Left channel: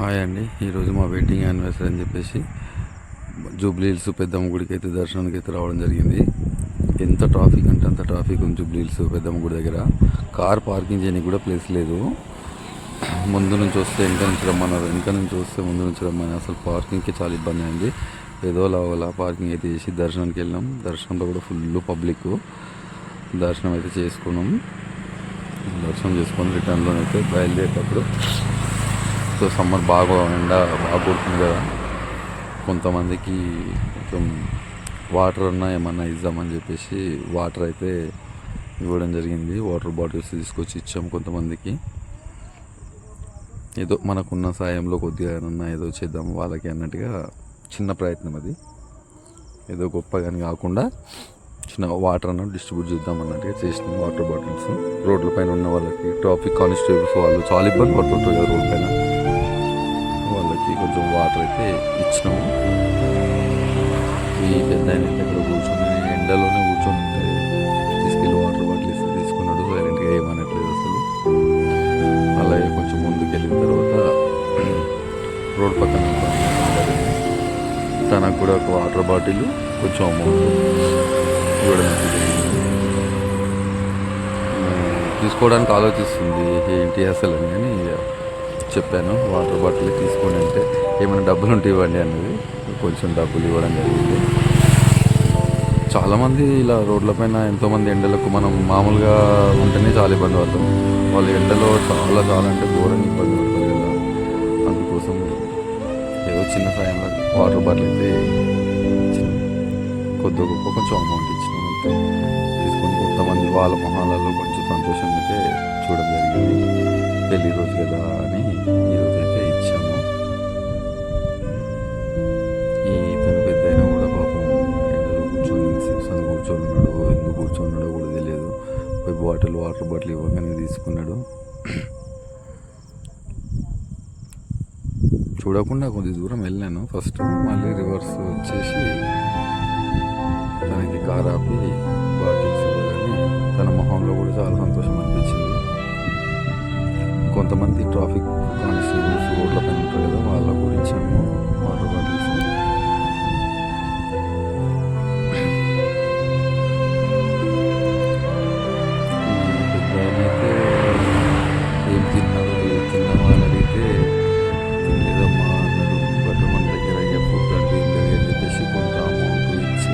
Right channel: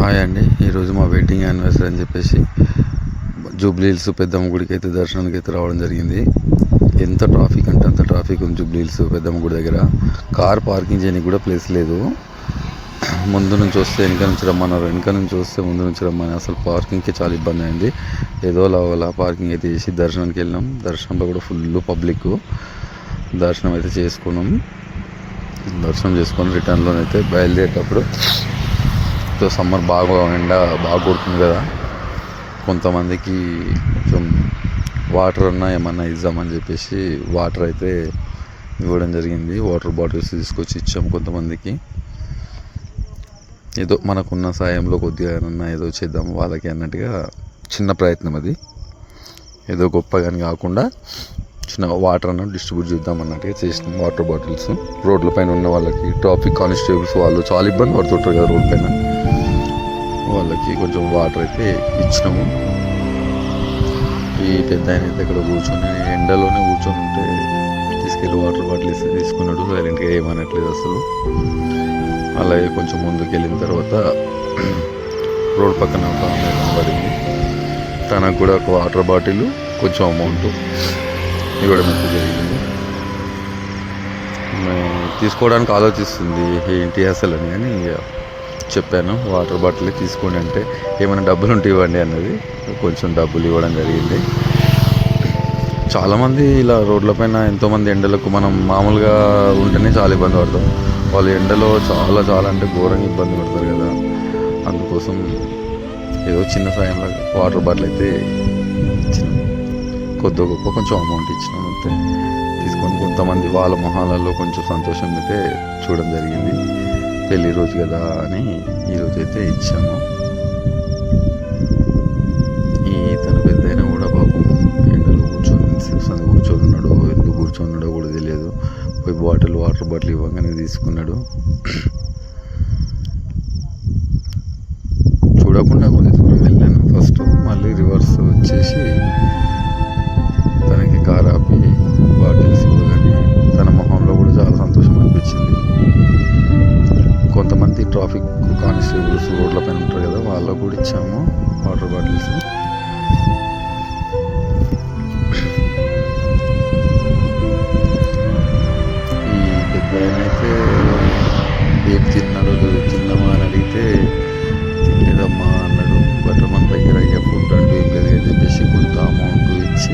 Hi అండి. ఈరోజు మా వెడ్డింగ్ యానివర్సరీ అని చెప్పేసి జూబ్లీ హిల్స్ పెద్దమ్మ గుడికి అయితే దర్శనానికి అయితే రావడం జరిగింది. ఎంత ట్రాఫిక్ అంటే అంత ట్రాఫిక్ ఉంది జూబ్లీ హిల్స్ పెద్దమ్మ గుడి దగ్గర. కార్ పార్కింగ్ చేయడానికి కూడా ప్లేస్ లేదు. ముందు నుంచి వస్తే వెనక నుంచి రమ్మన్నారు, వెనక నుంచి వస్తే ముందు నుంచి రమ్మని. అసలు పార్కింగ్కి చాలా ఇబ్బంది అయింది. ఏదో అలా పార్కింగ్ అయితే చేసి దర్శనానికి వెళ్ళినాం. దర్శనంలో కూడా ఫుల్ పబ్లిక్. దర్శనం అయితే చేసుకున్నాం. దర్శనం చేసుకొని రిటర్న్లోనైతే బయలుదేరేటప్పుడు సమ్మర్ బాగా ఎండ బాగా కొడుతుంది కదా, కొంతమందికి కొంచెం వాటర్ అన్నా ఏమన్నా ఇద్దామని చెప్పేసి వాటర్ అయితే ఇవ్వడం జరిగింది. వాటర్ బాటిల్స్ తీసుకొచ్చి ఇచ్చాము కొంతమందికి. ఏదో మనకున్న సాయంలో కొద్దిగా ఏమన్నా ఏదో చేద్దాం వాళ్ళకి అన్నట్టుగా చిన్న ప్రయత్నం అది. ఏదో గొప్పగాని కాకుండా చిన్నగా వాటర్ అన్న డిస్ట్రిబ్యూట్ చేద్దాం అన్నట్టుగా చేసినాం. వాటర్ బాటిల్స్ రోడ్ల పైన ఉన్న వాళ్ళకి, ట్రాఫిక్ కానిస్టేబుల్స్ వాళ్ళు చాలా ఇబ్బంది పడుతుంటారు కదా రోడ్ పైన, వాళ్ళకి కొంచెం వాటర్ అయితే ఇచ్చినాము. ఈ పెద్ద ఆయన అయితే ఇక్కడ కూర్చొని ఎండలోనే కూర్చొని ఉంటే తీసుకెళ్ళి వాటర్ బాటిల్ ఇస్తే తీసుకున్నాడు. సైలెంట్గా ఏమనట్లేదు అసలు. అలాగే కొంచెం ముందుకు వెళ్ళిన తర్వాత రోడ్ పక్కన ఒక అమ్మాయి కనబడింది. తనకు కూడా ఒక వాటర్ బాటిల్ కొంచెం అమౌంట్ ఇవ్వడం జరిగింది. తీసుకోవడానికి ఆలోచిస్తుంది ఏంటి అసలు అని, కానీ చెప్పాను వాటర్ బాటిల్ తీసుకోండి అంటే ఏమైనా డబ్బులు ఉంటే ఇవ్వండి అన్నది. కొంచెం డబ్బులు ఇవ్వడం జరిగింది. చాలామంది ఇలా రోడ్ల పైన ఎంతోమంది ఎండలకు మనం మామూలుగా ఉంటేనే చాలా ఇబ్బంది పడతాం. వాళ్ళు ఎండలో చాలా అంటే ఘోరంగా ఇబ్బంది పడతారు కదా. అందుకోసం ఏదో చిన్న సాయంలో వాటర్ బాటిల్ అయితే ఇచ్చినాం. కొద్ది గొప్ప కొంచెం అమౌంట్ ఇచ్చినాం అంతే. తీసుకొని కొంతమంది వాళ్ళ మొహాలలో కొంచెం సంతోషం అయితే చూడడం జరిగింది. పెళ్ళి రోజు కదా అని ఈరోజు అయితే ఇచ్చాము. తన పెద్ద అయినా కూడా పాపం ఎండలో కూర్చొని కూర్చొని ఉన్నాడో ఎందుకు కూర్చొన్నాడో కూడా తెలియదు. పోయి వాటర్ బాటిల్ ఇవ్వగానే తీసుకున్నాడు. చూడకుండా కొద్ది దూరం వెళ్ళాను ఫస్ట్, మళ్ళీ రివర్స్ వచ్చేసి తనకి కార్ ఆపి బాటిల్స్ ఇవ్వగానే తన మొహంలో కూడా చాలా సంతోషం అనిపించింది. కొంతమంది ట్రాఫిక్ కానిస్టేబుల్స్ రోడ్ల పైన ఉంటారు కదా, వాళ్ళకు కూడా ఇచ్చాము వాటర్ బాటిల్స్. ఈ పెద్ద ఆయన అయితే ఏం తిన్నామా అని అడిగితే తినలేదమ్మా అన్నాడు. బట్ మన దగ్గర ఫుడ్ అంటూ ఏం లేదు అని చెప్పేసి కొంత అమౌంట్ ఇచ్చి